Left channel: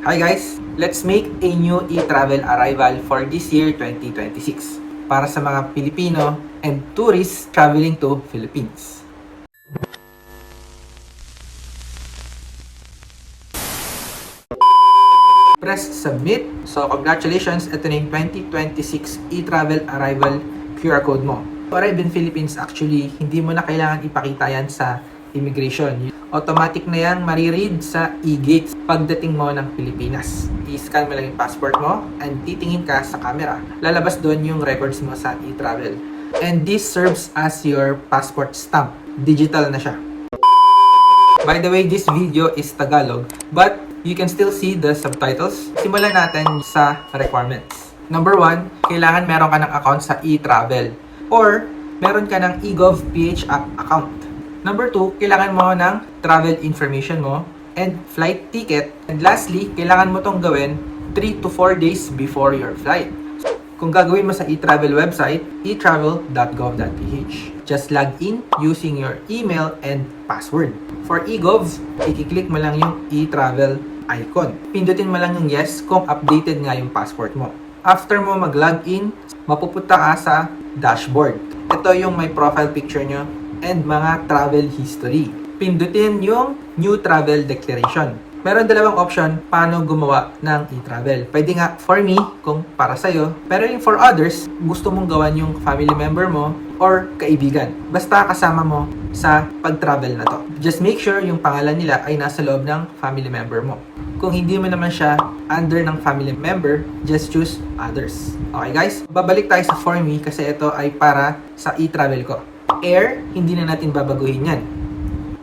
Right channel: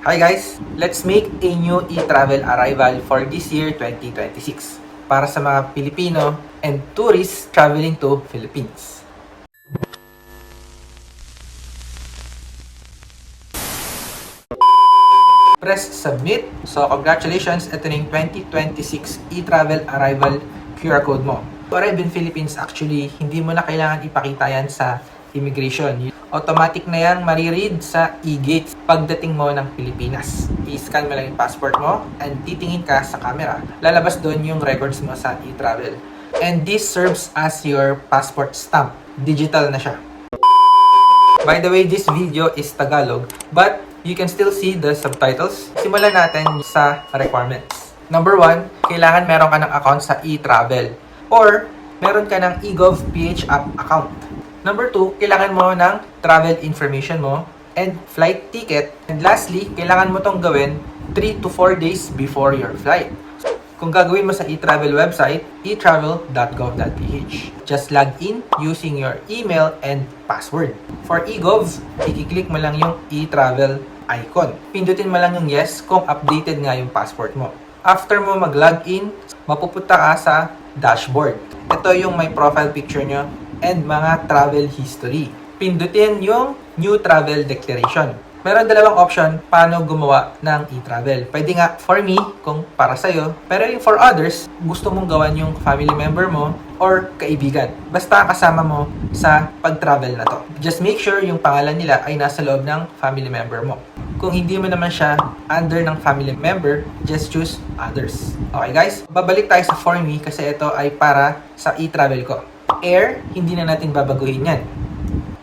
Hi guys! Let's make a new e-travel arrival for this year 2026 para sa mga Pilipino and tourists traveling to Philippines. Press submit. So congratulations, ito na yung 2026 e-travel arrival QR code mo. For Arrive in Philippines, actually, hindi mo na kailangan ipakita yan sa immigration. Automatic na yan mariread sa e-gate pagdating mo ng Pilipinas. I-scan mo lang yung passport mo and titingin ka sa camera. Lalabas doon yung records mo sa e-travel. And this serves as your passport stamp. Digital na siya. By the way, this video is Tagalog, but you can still see the subtitles. Simulan natin sa requirements. Number 1, kailangan meron ka ng account sa e-travel or meron ka ng eGov.ph app account. Number 2, kailangan mo ng travel information mo and flight ticket. And lastly, kailangan mo tong gawin 3 to 4 days before your flight. Kung gagawin mo sa e-travel website, etravel.gov.ph. Just log in using your email and password. For eGov, i-click mo lang yung e-travel icon. Pindutin mo lang yung yes kung updated nga yung passport mo. After mo mag-login, mapupunta ka sa dashboard. Ito yung my profile picture nyo and mga travel history. Pindutin yung new travel declaration. Meron dalawang option paano gumawa ng e-travel. Pwede nga for me, kung para sa'yo. Pero yung for others, gusto mong gawan yung family member mo or kaibigan. Basta kasama mo sa pag-travel na to. Just make sure yung pangalan nila ay nasa loob ng family member mo. Kung hindi mo naman siya under ng family member, just choose others. Okay guys? Babalik tayo sa for me kasi ito ay para sa e-travel ko. Air, hindi na natin babaguhin yan.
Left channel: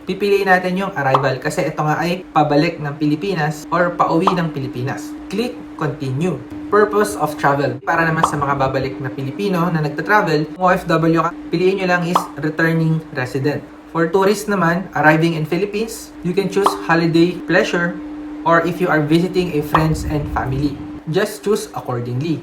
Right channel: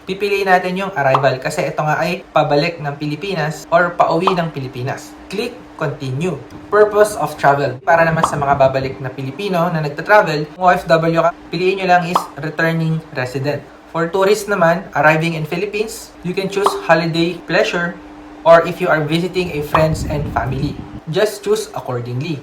Pipiliin natin yung arrival kasi ito nga ay pabalik ng Pilipinas or pauwi ng Pilipinas. Click continue. Purpose of travel. Para naman sa mga babalik na Pilipino na nagta-travel, kung OFW ka, piliin nyo lang is returning resident. For tourists naman, arriving in Philippines, you can choose holiday pleasure or if you are visiting a friends and family. Just choose accordingly.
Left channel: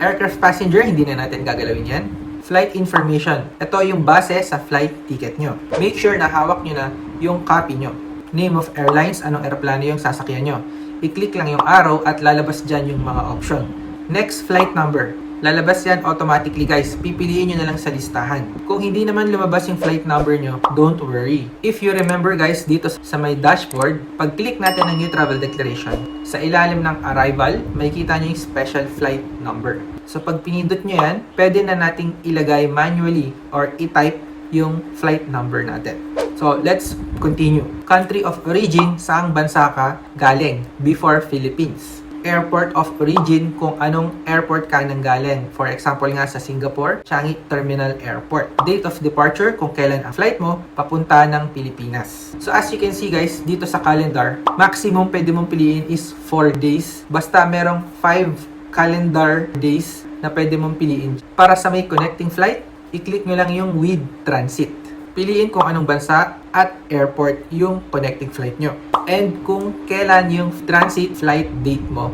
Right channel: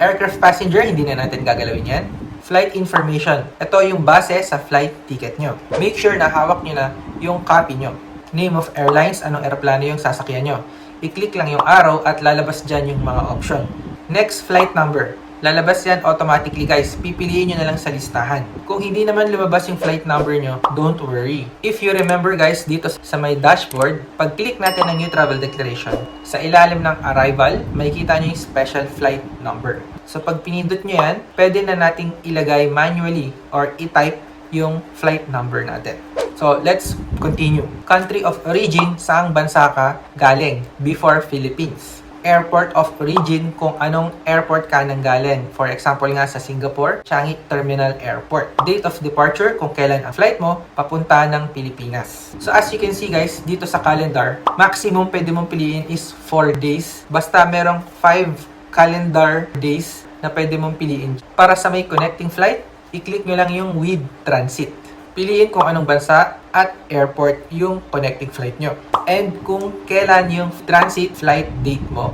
Aircraft passenger, hindi na natin gagalawin yan. Flight information. Ito yung base sa flight ticket nyo. Make sure na hawak nyo na yung copy nyo. Name of airlines, anong aeroplano yung sasakyan nyo. I-click lang yung arrow at lalabas dyan yung mga option. Next, flight number. Lalabas yan automatically guys. Pipiliin nyo na lang sa listahan. Kung hindi naman lumabas yung flight number nyo, don't worry. If you remember guys, dito sa my dashboard, pag-click natin ng new travel declaration, sa ilalim ng arrival, makikita nyo yung special flight number. So pag pinindot nyo yan, pwede na nating ilagay manually or i-type yung flight number natin. So let's continue. Country of origin, saang bansa ka galing before Philippines. Airport of origin, kung anong airport ka nang galing. For example nga sa Singapore, Changi Terminal Airport. Date of departure, kung kailan ang flight mo papunta ng Pilipinas. So as you can see guys, dito sa calendar, maximum pwede mong piliin is 4 days. Basta merong 5 calendar days na pwede mong piliin. Para sa may connecting flight, i-click nyo lang yung with transit. Piliin kung anong bansa at airport yung connecting flight nyo. And kung kailan yung transit flight date mo.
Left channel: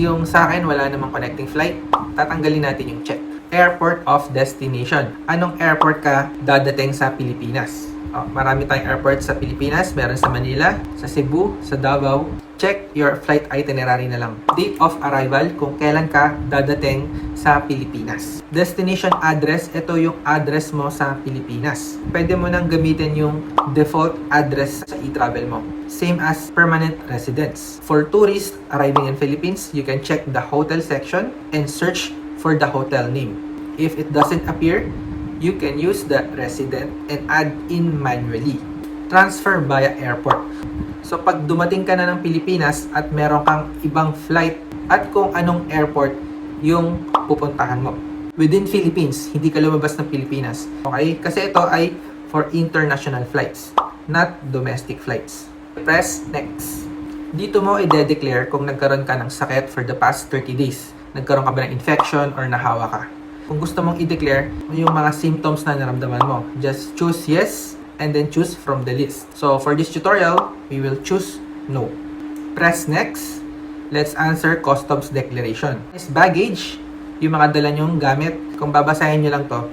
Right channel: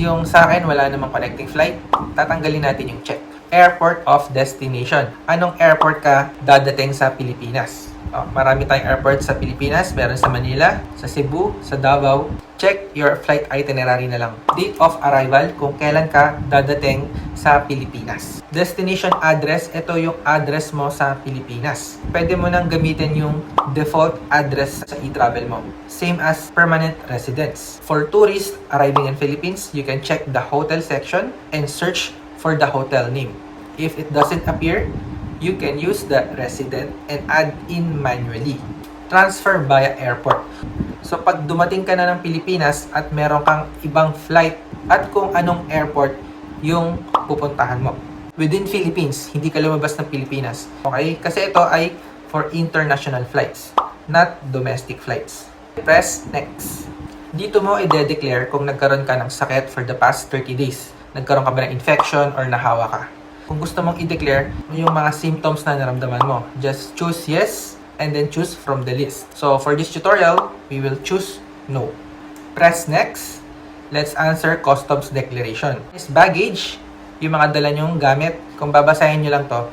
Yung sa akin, wala namang connecting flight, tatanggalin natin yung check. Airport of destination. Anong airport ka dadating sa Pilipinas? Marami tayong airport sa Pilipinas. Meron sa Manila, sa Cebu, sa Davao. Check your flight itinerary na lang. Date of arrival, kung kailan ka dadating sa Pilipinas. Destination address, ito yung address mo sa Pilipinas. Pwede mo nang gamitin yung default address sa e-travel mo. Same as permanent residence. For tourists arriving in Philippines, you can check the hotel section and search for the hotel name. If it doesn't appear, you can use the resident and add in manually. Transfer via airport. So pag dumating ka na ng Pilipinas at meron kang ibang flight at kung anong airport yung pupuntahan mo. Within Philippines, hindi ka lumabas ng Pilipinas. Okay? Kasi ito ay for international flights, not domestic flights. Press next. Dito mo i-declare kung nagkaroon ka ng sakit for the past 30 days. Nagkaroon ka ba ng infection or nahawa ka. Kung gusto mong i-declare yung mga symptoms na naramdaman mo, just choose yes and then choose from the list. So for this tutorial, we will choose no. Press next. Let's answer customs declaration. This baggage, yung mga dala nyong gamit. Kung babasahin nyo lang to,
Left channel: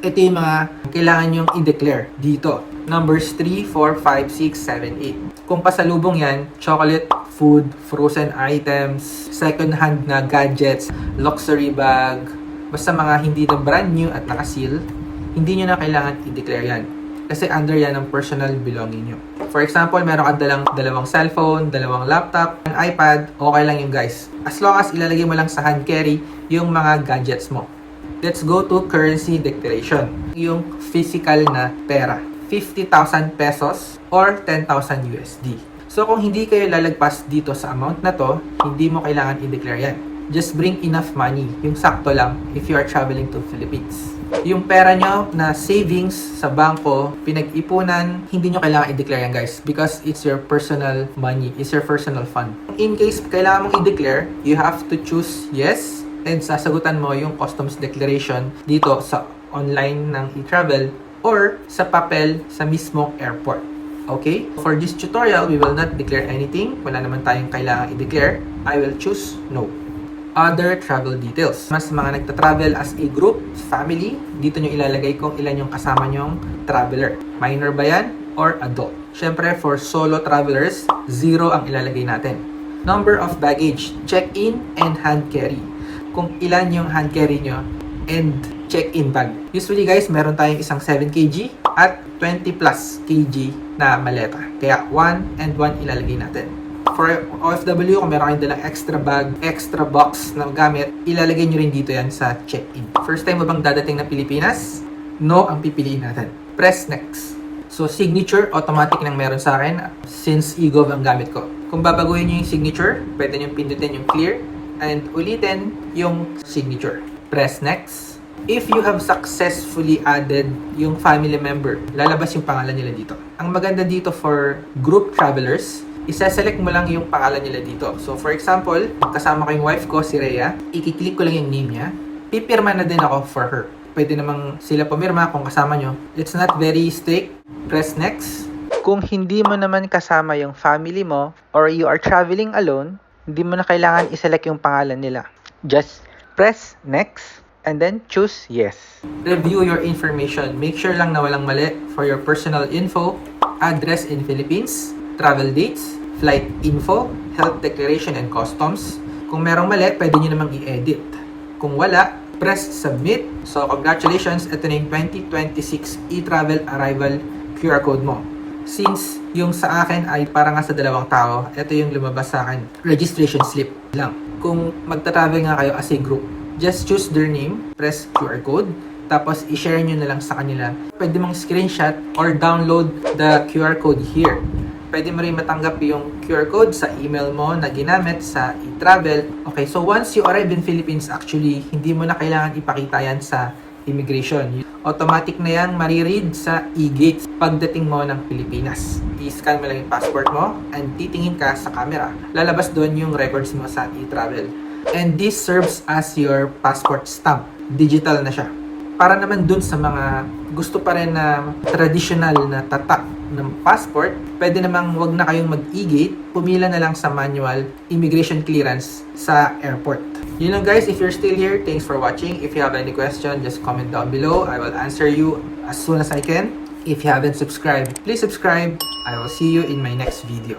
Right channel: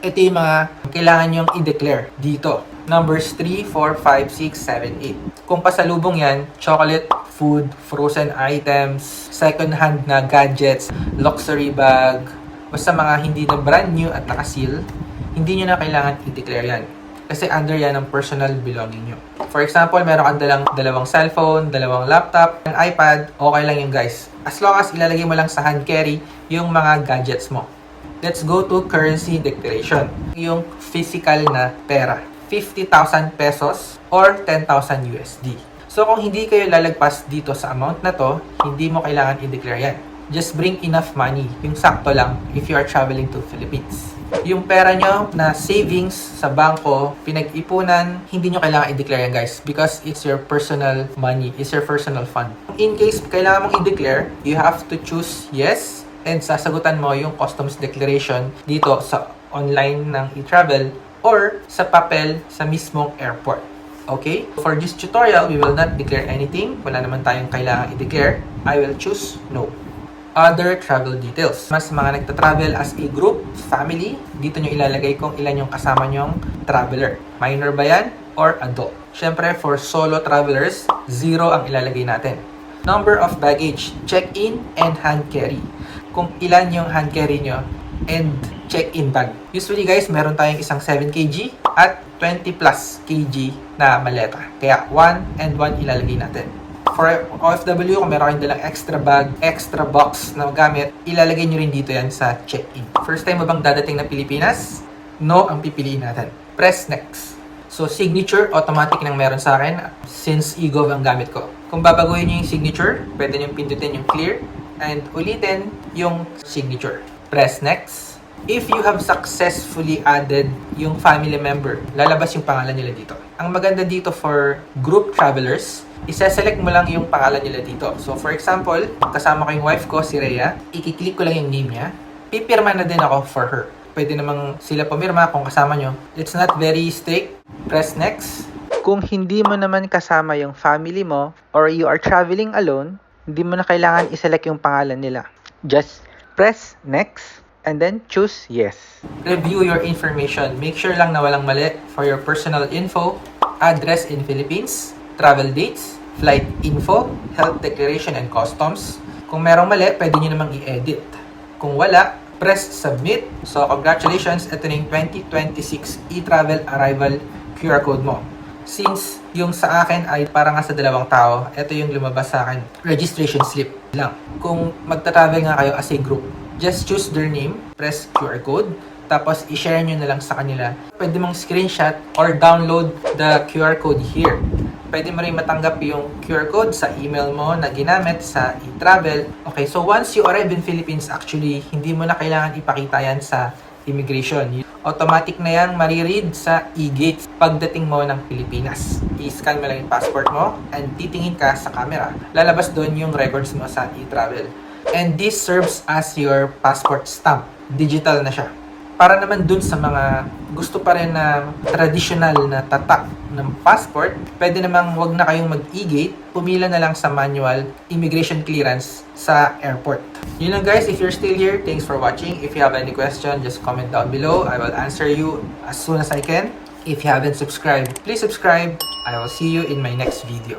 ito yung mga kailangan nyong i-declare dito. Numbers 3, 4, 5, 6, 7, 8. Kung pasalubong yan, chocolate, food, frozen items, second-hand na gadgets, luxury bag, basta mga hindi na brand new at nakaseal, hindi nyo na kailangan i-declare yan. Kasi under yan ang personal belonging nyo. For example, meron kang dalawang cellphone, dalawang laptop, an iPad, okay lang yun guys. As long as ilalagay mo lang sa hand carry yung mga gadgets mo. Let's go to currency declaration. Yung physical na pera. 50,000 pesos or 10,000 USD. So kung hindi kayo lalagpas dito sa amount na to, hindi mo kailangan i-declare yan. Just bring enough money, yung sakto lang if you are traveling to Philippines. Yung pera nyo na savings sa bangko, pinag-ipunan, hindi nyo kailangan i-declare yan guys because it's your personal money, it's your personal fund. In case kailangan mong i-declare, you have to choose yes and sasagutan mo yung customs declaration dito sa online ng e-travel or sa papel sa mismong airport. Okay? For this tutorial, we will not declare anything. Wala naman tayong kailangan i-declare. I will choose no. Other travel details. Mas mga nagta-travel as a group, family, dito nyo ilalagay kung ilan yung kasama nyong traveler. Minor ba yan or adult? Siyempre, for solo travelers, 0 ang ilalagay natin. Number of baggage, check-in and hand carry. Kung ilan yung hand carry nyo and check-in bag. Usually guys, meron tayong isang 7 kg at 20 plus kg na maleta. Kaya 1 and 1 ilalagay natin. For OFW, kung meron kayong dalang extra bag, extra box na gamit, ilalagay nyo rin dito yan sa check-in. First time mo bang dadating na Pilipinas? No ang pipiliin natin. Press next. So signature, automatic nang meron sa akin since eGov ang gamit ko. Kung babaguhin nyo yung signature, pwede nyo pindutin yung clear and ulitin yung signature. Press next. If you have successfully added yung family member, lalabas yung pangalan nila dito. Ang maganda dito for group travelers, isa-select mo lang yung pangalan nila dito. So for example, kasama ko yung wife ko, si Rhea, i-click ko lang yung name niya, pipirma na din ako for her. Pwede namang sila pumirma kung kasama nyo. It's not very strict. Press next. Kung hindi mo naman kasama yung family mo or you are traveling alone, hindi mo na kailangan i-select yung pangalan nila. Just press next and then choose yes. Review your information. Make sure lang na walang mali for your personal info, address in Philippines, travel dates, flight info, health declaration and customs. Kung merong mali, pwede nyo namang i-edit. Kung wala, press submit. So congratulations, ito na yung 2026 e-travel arrival QR code mo. Since yung sa akin ay para nga sa 2 tao, ito yung lumabas sa akin. Registration slip lang. Kung magta-travel nga kayo as a group, just choose their name, press QR code, tapos i-share nyo na lang sa kanila. Pwede mong screenshot or download the QR code here. Pwede mo rin matanggap yung QR code sa email mo na ginamit sa e-travel. Okay, so once you arrive in Philippines, actually, hindi mo na kailangan ipakita yan sa immigration. Automatic na yan mariread sa e-gates pagdating mo ng Pilipinas. I-scan mo lang yung passport mo and titingin ka sa camera. Lalabas doon yung records mo sa e-travel. And this serves as your passport stamp. Digital na siya. Para naman dun sa mga gusto pa rin na traditional na tatak ng passport, pwede namang wag na kayong mag-e-gate, pumila na lang sa manual immigration clearance sa airport. Yun lang guys, if you're still here, thanks for watching. If you have any question, just comment down below. I will answer you as soon as I can. If you haven't subscribed, please subscribe. I will see you in my next video.